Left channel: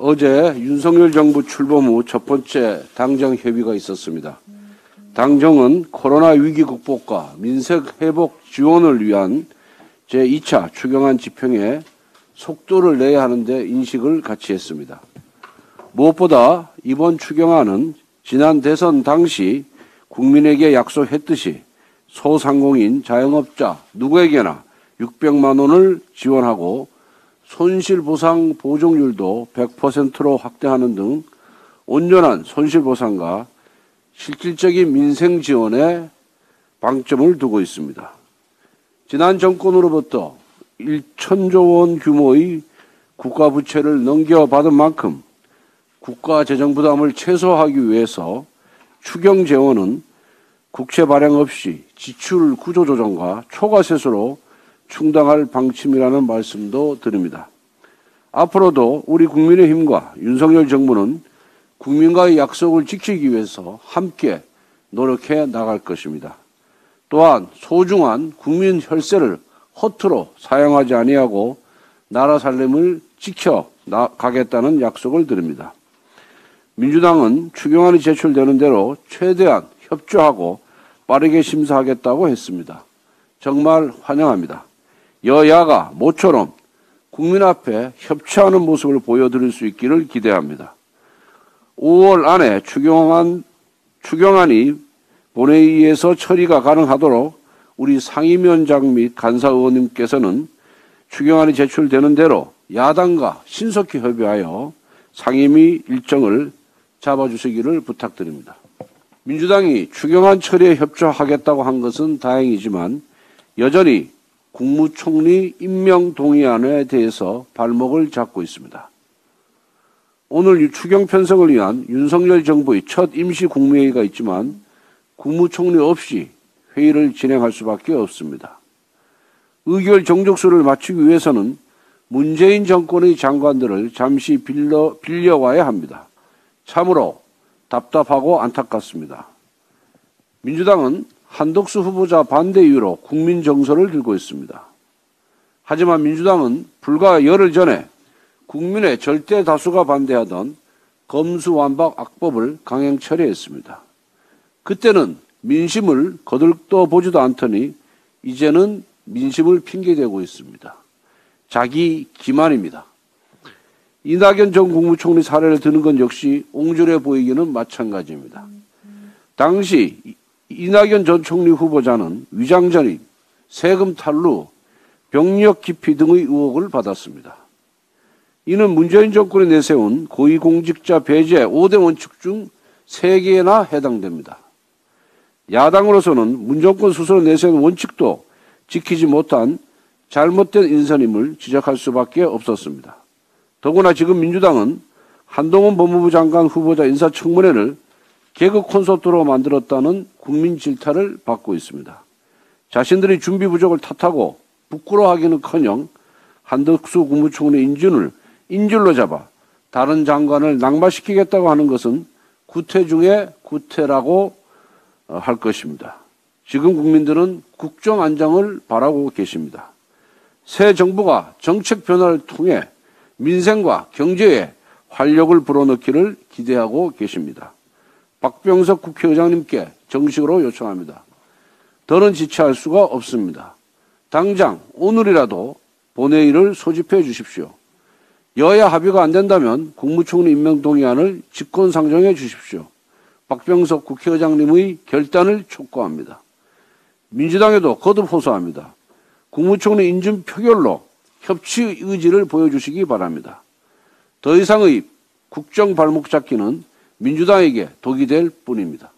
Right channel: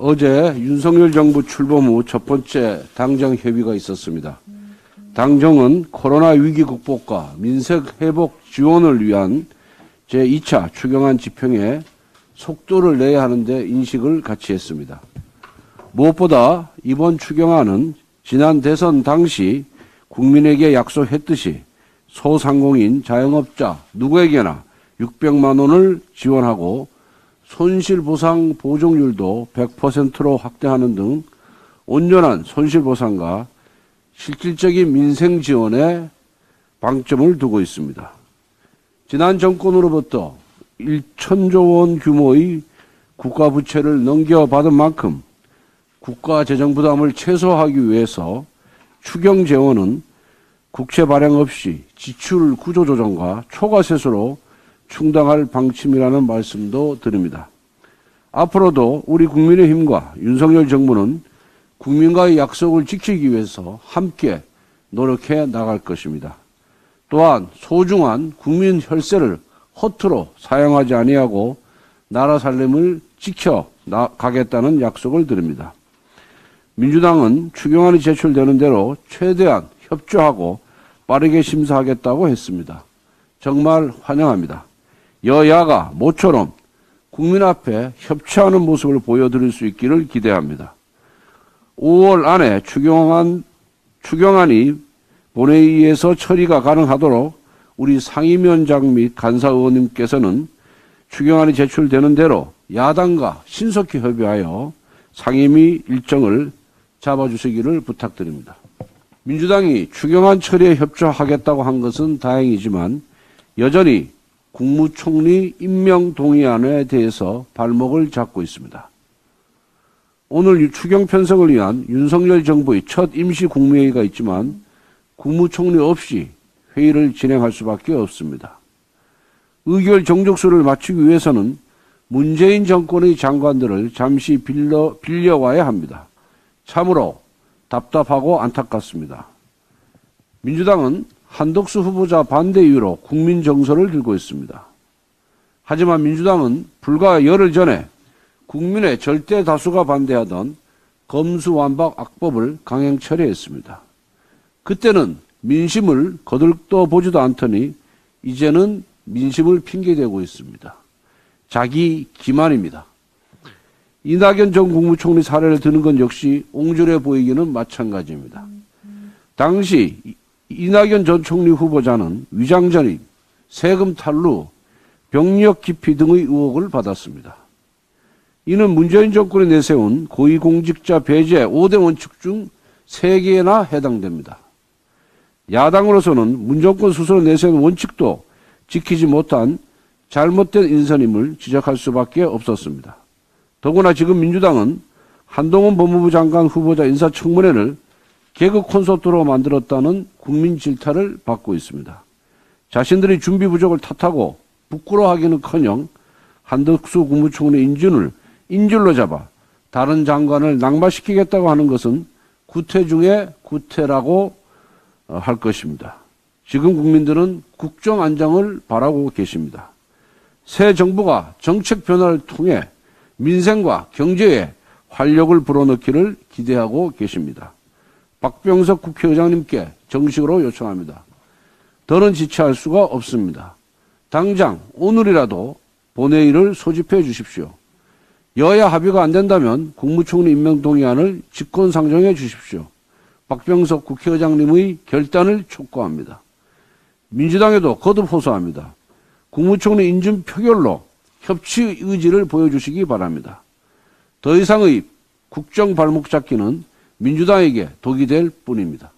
어제 윤석열 정부 출범 후 첫 번째 당정 협의가 있었습니다. 당정은 코로나 위기 극복과 민생 회복 지원을 위한 제2차 추경안 집행에 속도를 내야 하는데 인식을 같이 했습니다. 무엇보다 이번 추경안은 지난 대선 당시 국민에게 약속했듯이 소상공인, 자영업자 누구에게나 600만 원을 지원하고 손실보상 보정률도 100%로 확대하는 등 온전한 손실보상과 실질적인 민생 지원에 방점을 두고 있습니다. 지난 정권으로부터 1천조 원 규모의 국가부채를 넘겨받은 만큼 국가 재정 부담을 최소화하기 위해서 추경 재원은 국채 발행 없이 지출 구조 조정과 초과 세수로 충당할 방침이라는 말씀도 드립니다. 앞으로도 우리 국민의힘과 윤석열 정부는 국민과의 약속을 지키기 위해서 함께 노력해 나갈 것입니다. 또한 소중한 국민 혈세를 허투루 사용하지 아니하고 나라 살림을 지켜 나가겠다는 약속을 드립니다. 민주당은 추경안이 제출되는 대로 최대한 협조하고 빠르게 심사하겠다고 했습니다. 정말 환영합니다. 여야가 모처럼 국민 앞에 협치하는 모습을 보여드릴 수 있기를 기대합니다. 5월 안에 추경안이 본회의에서 처리가 가능하도록 우리 상임위원장 및 간사의원님께서는 추경안이 제출되는 대로 야당과 신속히 협의하여 상임위 일정을 잡아주시기를 부탁드립니다. 민주당이 추경안 처리에 협조하겠다고 한 것은 다행이지만 여전히 국무총리 임명 동의안에 대해서 발목을 잡고 있습니다. 오늘 추경 편성을 위한 윤석열 정부의 첫 임시 국무회의가 있지만 국무총리 없이 회의를 진행할 수밖에 없습니다. 의결 정족수를 맞추기 위해서는 문재인 정권의 장관들을 잠시 빌려와야 합니다. 참으로 답답하고 안타깝습니다. 민주당은 한덕수 후보자 반대 이유로 국민 정서를 들고 있습니다. 하지만 민주당은 불과 열흘 전에 국민의 절대 다수가 반대하던 검수완박 악법을 강행 처리했습니다. 그때는 민심을 거들떠 보지도 않더니 이제는 민심을 핑계대고 있습니다. 자기 기만입니다. 이낙연 전 국무총리 사례를 드는 건 역시 옹졸해 보이기는 마찬가지입니다. 당시 이낙연 전 총리 후보자는 위장전입, 세금 탈루, 병력 기피 등의 의혹을 받았습니다. 이는 문재인 정권이 내세운 고위공직자 배제 5대 원칙 중 3개나 해당됩니다. 야당으로서는 문 정권 스스로 내세운 원칙도 지키지 못한 잘못된 인선임을 지적할 수밖에 없었습니다. 더구나 지금 민주당은 한동훈 법무부 장관 후보자 인사청문회를 개그 콘서트로 만들었다는 국민 질타를 받고 있습니다. 자신들이 준비 부족을 탓하고 부끄러워하기는커녕 한덕수 국무총리 인줄로 잡아 다른 장관을 낙마시키겠다고 하는 것은 구태 중에 구태라고 할 것입니다. 지금 국민들은 국정 안정을 바라고 계십니다. 새 정부가 정책 변화를 통해 민생과 경제에 활력을 불어넣기를 기대하고 계십니다. 박병석 국회의장님께 정식으로 요청합니다. 더는 지체할 수가 없습니다. 당장 오늘이라도 본회의를 소집해 주십시오. 여야 합의가 안 된다면 국무총리 임명 동의안을 직권상정해 주십시오. 박병석 국회의장님의 결단을 촉구합니다. 민주당에도 거듭 호소합니다. 국무총리 인준 표결로 협치 의지를 보여주시기 바랍니다. 더 이상의 국정 발목 잡기는 민주당에게 독이 될 뿐입니다.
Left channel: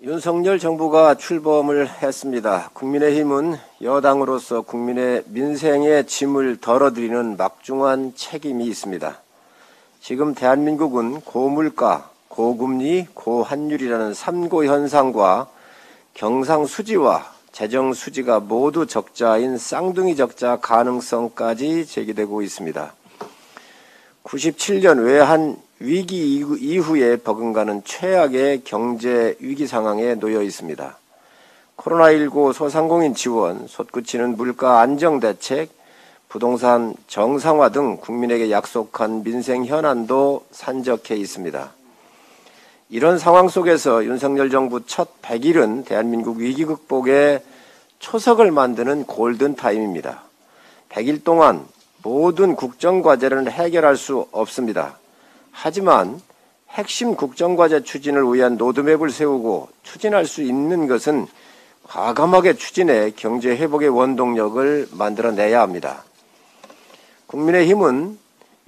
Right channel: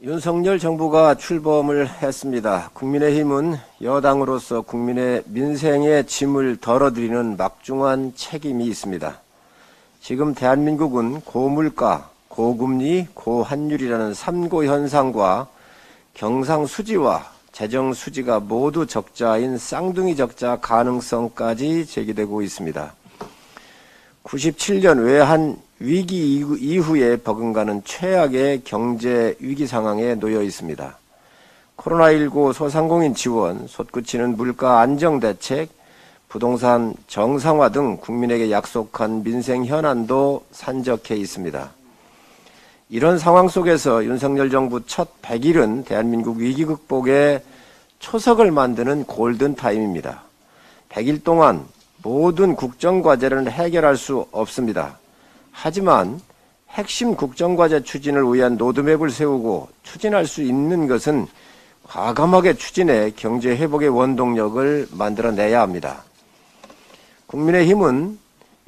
윤석열 정부가 출범을 했습니다. 국민의힘은 여당으로서 국민의 민생의 짐을 덜어드리는 막중한 책임이 있습니다. 지금 대한민국은 고물가, 고금리, 고환율이라는 3고 현상과 경상수지와 재정수지가 모두 적자인 쌍둥이 적자 가능성까지 제기되고 있습니다. 97년 외환 위기 이후에 버금가는 최악의 경제 위기 상황에 놓여 있습니다. 코로나19 소상공인 지원, 솟구치는 물가 안정 대책, 부동산 정상화 등 국민에게 약속한 민생 현안도 산적해 있습니다. 이런 상황 속에서 윤석열 정부 첫 100일은 대한민국 위기 극복의 초석을 만드는 골든타임입니다. 100일 동안 모든 국정과제를 해결할 수 없습니다. 하지만 핵심 국정과제 추진을 위한 로드맵을 세우고 추진할 수 있는 것은 과감하게 추진해 경제 회복의 원동력을 만들어내야 합니다. 국민의힘은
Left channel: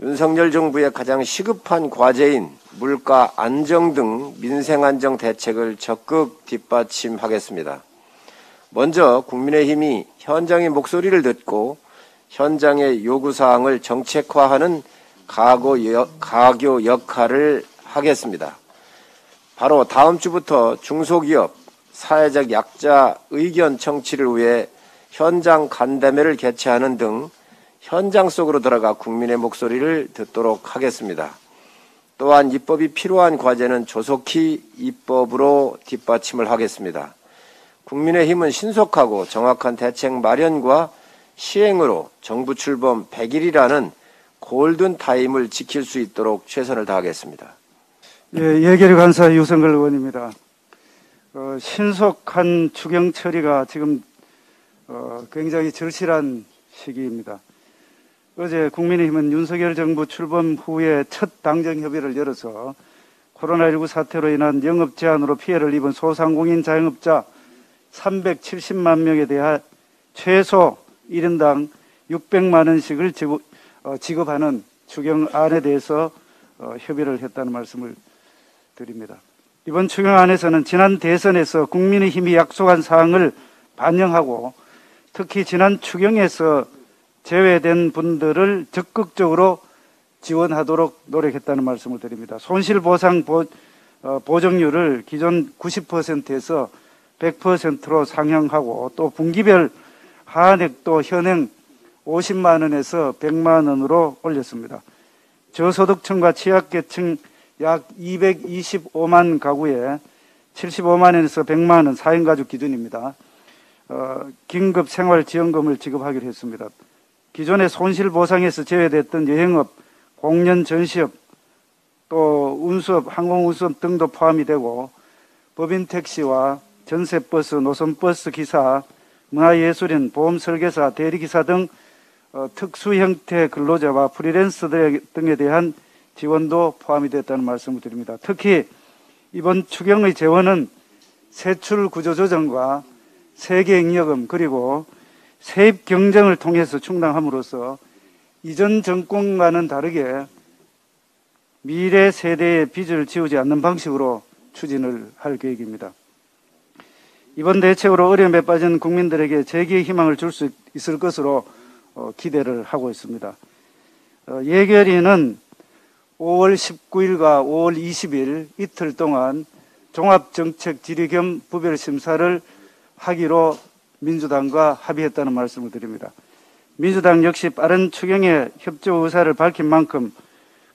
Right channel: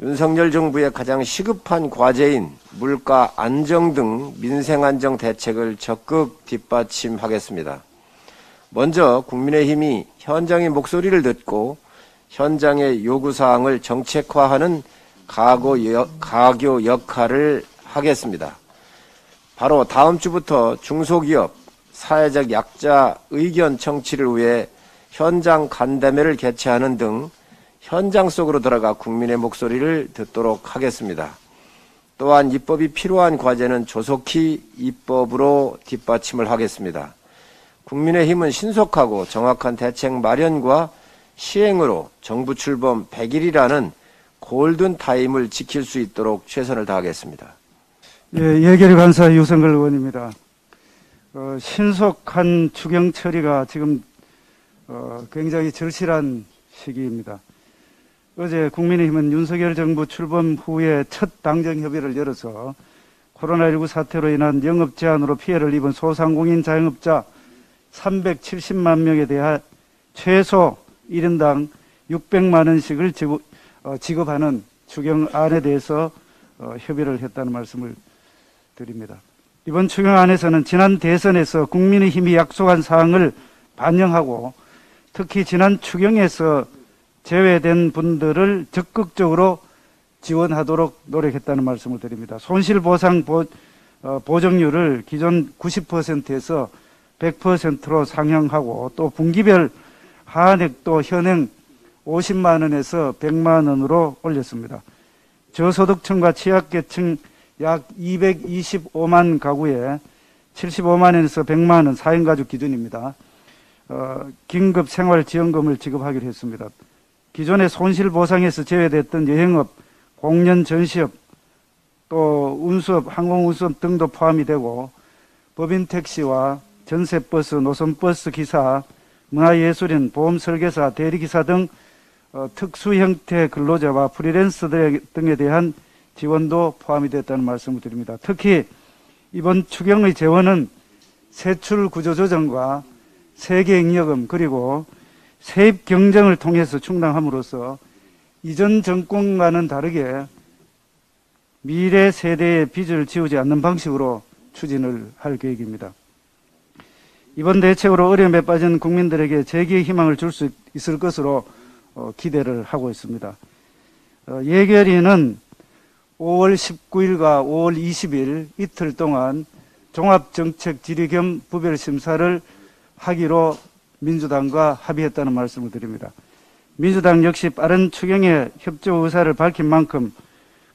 윤석열 정부의 가장 시급한 과제인 물가 안정 등 민생 안정 대책을 적극 뒷받침하겠습니다. 먼저 국민의힘이 현장의 목소리를 듣고 현장의 요구사항을 정책화하는 가교 역할을 하겠습니다. 바로 다음 주부터 중소기업, 사회적 약자 의견 청취를 위해 현장 간담회를 개최하는 등 현장 속으로 들어가 국민의 목소리를 듣도록 하겠습니다. 또한 입법이 필요한 과제는 조속히 입법으로 뒷받침을 하겠습니다. 국민의힘은 신속하고 정확한 대책 마련과 시행으로 정부 출범 100일이라는 골든타임을 지킬 수 있도록 최선을 다하겠습니다. 예, 예결위 간사 유성걸 의원입니다. 신속한 추경 처리가 지금 굉장히 절실한 시기입니다. 어제 국민의힘은 윤석열 정부 출범 후에 첫 당정 협의를 열어서 코로나19 사태로 인한 영업 제한으로 피해를 입은 소상공인 자영업자 370만 명에 대해 최소 1인당 600만 원씩을 지급하는 추경안에 대해서 협의를 했다는 말씀을 드립니다. 이번 추경안에서는 지난 대선에서 국민의힘이 약속한 사항을 반영하고 특히 지난 추경에서 제외된 분들을 적극적으로 지원하도록 노력했다는 말씀을 드립니다. 손실보상 보정률을 기존 90%에서 100%로 상향하고 또 분기별 하한액도 현행 50만 원에서 100만 원으로 올렸습니다. 저소득층과 취약계층 약 225만 가구에 75만 원에서 100만 원 4인 가족 기준입니다. 긴급 생활지원금을 지급하기로 했습니다. 기존의 손실보상에서 제외됐던 여행업, 공연 전시업, 또 운수업, 항공운수업 등도 포함이 되고 법인 택시와 전세버스, 노선버스 기사, 문화예술인, 보험설계사, 대리기사 등 특수 형태 근로자와 프리랜서 등에 대한 지원도 포함이 됐다는 말씀을 드립니다. 특히 이번 추경의 재원은 세출 구조조정과 세계잉여금 그리고 세입 경쟁을 통해서 충당함으로써 이전 정권과는 다르게 미래 세대의 빚을 지우지 않는 방식으로 추진을 할 계획입니다. 이번 대책으로 어려움에 빠진 국민들에게 재기의 희망을 줄 수 있을 것으로 기대를 하고 있습니다. 예결위는 5월 19일과 5월 20일 이틀 동안 종합정책 질의 겸 부별심사를 하기로 민주당과 합의했다는 말씀을 드립니다. 민주당 역시 빠른 추경에 협조 의사를 밝힌 만큼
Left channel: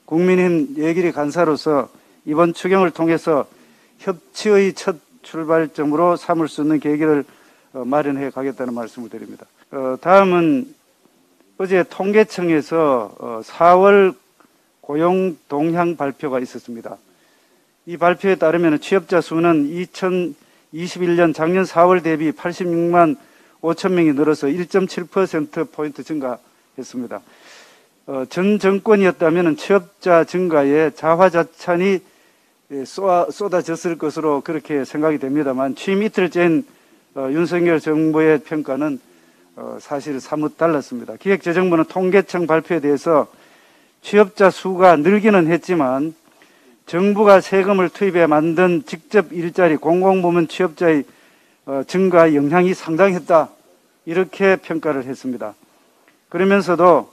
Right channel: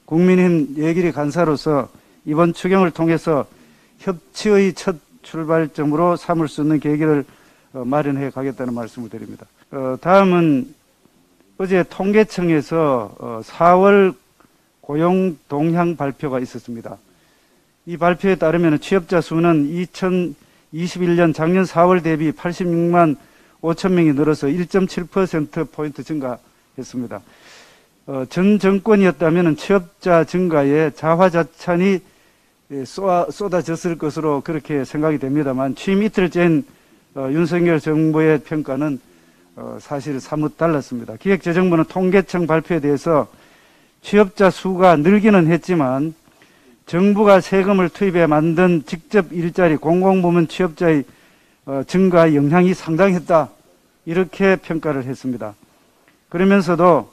국민의힘 예결위 간사로서 이번 추경을 통해서 협치의 첫 출발점으로 삼을 수 있는 계기를 마련해 가겠다는 말씀을 드립니다. 다음은 어제 통계청에서 4월 고용 동향 발표가 있었습니다. 이 발표에 따르면 취업자 수는 2021년 작년 4월 대비 86만 5천 명이 늘어서 1.7%포인트 증가했습니다. 전 정권이었다면 취업자 증가에 자화자찬이 쏟아졌을 것으로 그렇게 생각이 됩니다만 취임 이틀째인 윤석열 정부의 평가는 사실 사뭇 달랐습니다. 기획재정부는 통계청 발표에 대해서 취업자 수가 늘기는 했지만 정부가 세금을 투입해 만든 직접 일자리 공공부문 취업자의 증가 영향이 상당했다 이렇게 평가를 했습니다. 그러면서도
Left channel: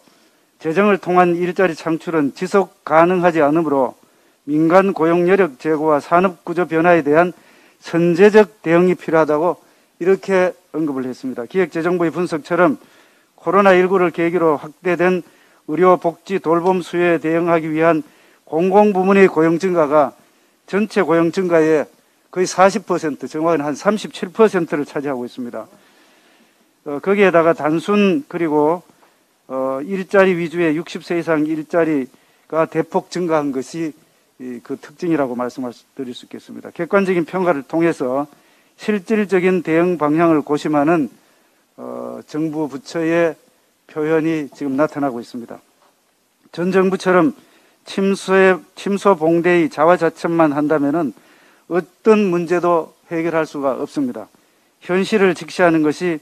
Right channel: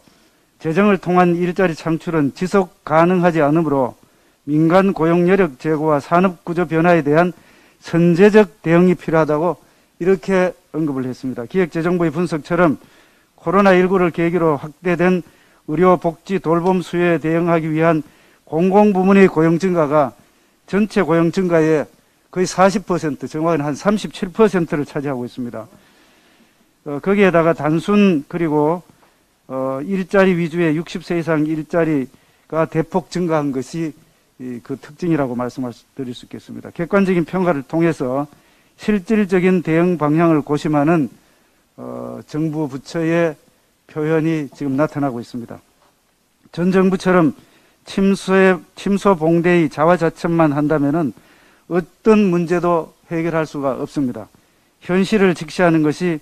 재정을 통한 일자리 창출은 지속 가능하지 않으므로 민간 고용 여력 제고와 산업 구조 변화에 대한 선제적 대응이 필요하다고 이렇게 언급을 했습니다. 기획재정부의 분석처럼 코로나19를 계기로 확대된 의료, 복지, 돌봄 수요에 대응하기 위한 공공부문의 고용 증가가 전체 고용 증가에 거의 40%, 정확히는 한 37%를 차지하고 있습니다. 거기에다가 단순 그리고 일자리 위주의 60세 이상 일자리가 대폭 증가한 것이 그 특징이라고 말씀드릴 수 있겠습니다. 객관적인 평가를 통해서 실질적인 대응 방향을 고심하는 정부 부처의 표현이 지금 나타나고 있습니다. 전 정부처럼 침소봉대의 자화자찬만 한다면은 어떤 문제도 해결할 수가 없습니다. 현실을 직시하는 것이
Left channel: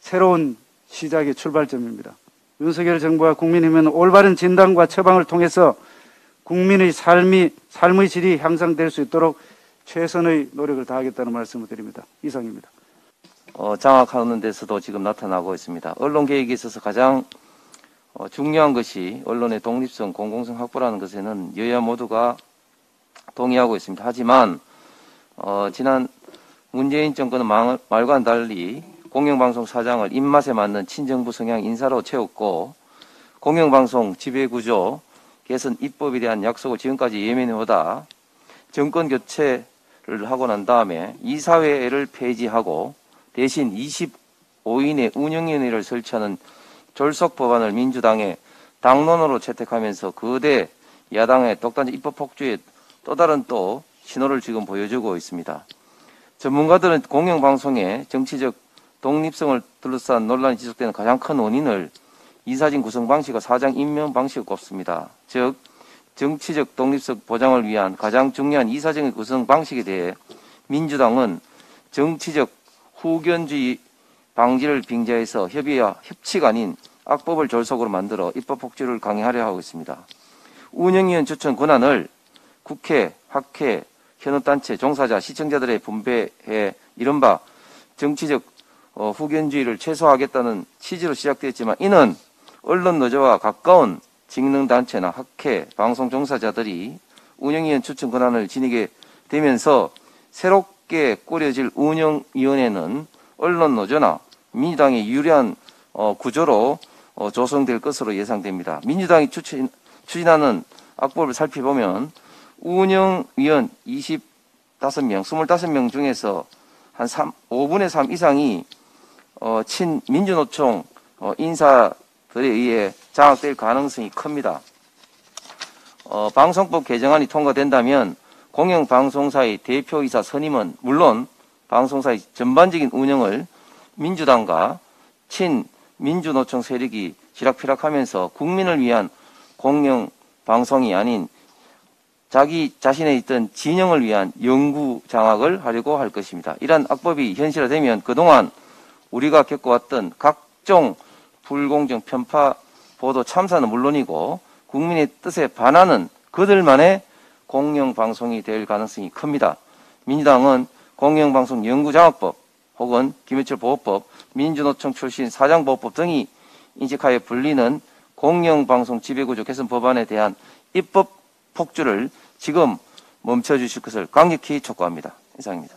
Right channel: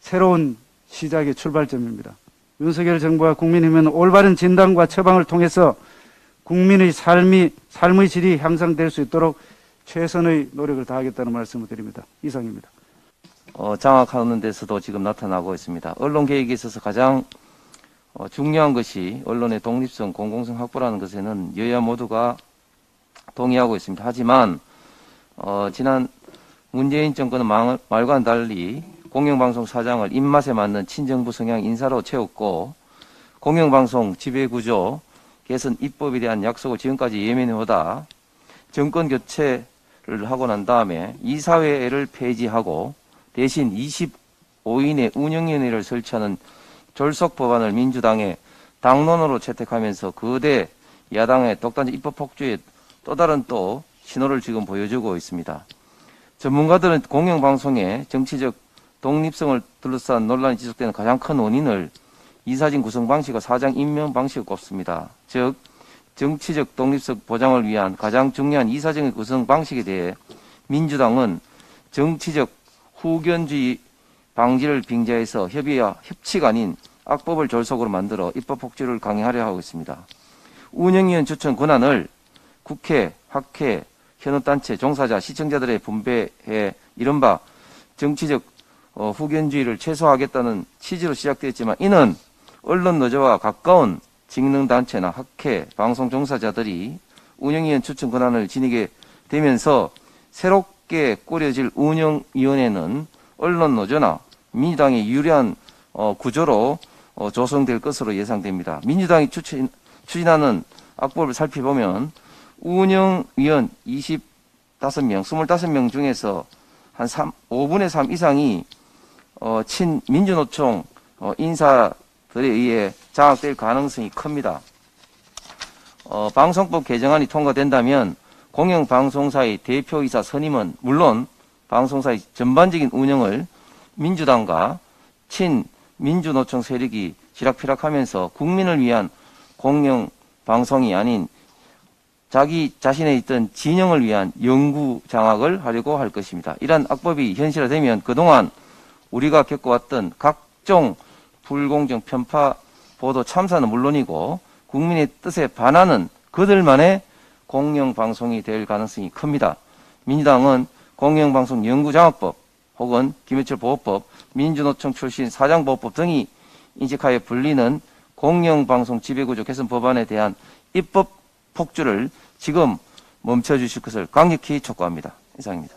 새로운 시작의 출발점입니다. 윤석열 정부와 국민의힘은 올바른 진단과 처방을 통해서 국민의 삶의 질이 향상될 수 있도록 최선의 노력을 다하겠다는 말씀을 드립니다. 이상입니다. 장악하는 데서도 지금 나타나고 있습니다. 언론 개혁에 있어서 가장 중요한 것이 언론의 독립성, 공공성 확보라는 것에는 여야 모두가 동의하고 있습니다. 하지만 지난 문재인 정권은 말과는 달리 공영방송 사장을 입맛에 맞는 친정부 성향 인사로 채웠고 공영방송 지배구조 개선 입법에 대한 약속을 지금까지 예면해오다 정권 교체를 하고 난 다음에 이사회를 폐지하고 대신 25인의 운영위원회를 설치하는 졸속 법안을 민주당의 당론으로 채택하면서 거대 야당의 독단적 입법 폭주에 또 다른 신호를 지금 보여주고 있습니다. 전문가들은 공영방송의 정치적 독립성을 둘러싼 논란이 지속되는 가장 큰 원인을 이사진 구성 방식과 사장 임명 방식을 꼽습니다. 즉 정치적 독립성 보장을 위한 가장 중요한 이사정의 구성 방식에 대해 민주당은 정치적 후견주의 방지를 빙자해서 협의와 협치가 아닌 악법을 졸속으로 만들어 입법 폭주를 강행하려 하고 있습니다. 운영위원 추천 권한을 국회, 학회, 현업단체, 종사자, 시청자들의 분배해 이른바 정치적 후견주의를 최소화하겠다는 취지로 시작되었지만 이는 언론 노조와 가까운 직능단체나 학회, 방송 종사자들이 운영위원 추천 권한을 지니게 되면서 새롭게 꾸려질 운영위원회는 언론 노조나 민주당의 유리한 구조로 조성될 것으로 예상됩니다. 민주당이 추진하는 악법을 살펴보면 운영위원 25명, 25명 중에서 한 5분의 3 이상이 친민주노총 인사들에 의해 장악될 가능성이 큽니다. 방송법 개정안이 통과된다면 공영방송사의 대표이사 선임은 물론 방송사의 전반적인 운영을 민주당과 친민주노총 세력이 쥐락펴락하면서 국민을 위한 공영방송이 아닌 자기 자신에 있던 진영을 위한 영구 장악을 하려고 할 것입니다. 이러한 악법이 현실화되면 그동안 우리가 겪어왔던 각종 불공정 편파 보도 참사는 물론이고 국민의 뜻에 반하는 그들만의 공영방송이 될 가능성이 큽니다. 민주당은 공영방송 영구장악법 혹은 김해철 보호법, 민주노총 출신 사장보호법 등이 인식하여 불리는 공영방송 지배구조 개선 법안에 대한 입법 폭주를 지금 멈춰주실 것을 강력히 촉구합니다. 이상입니다.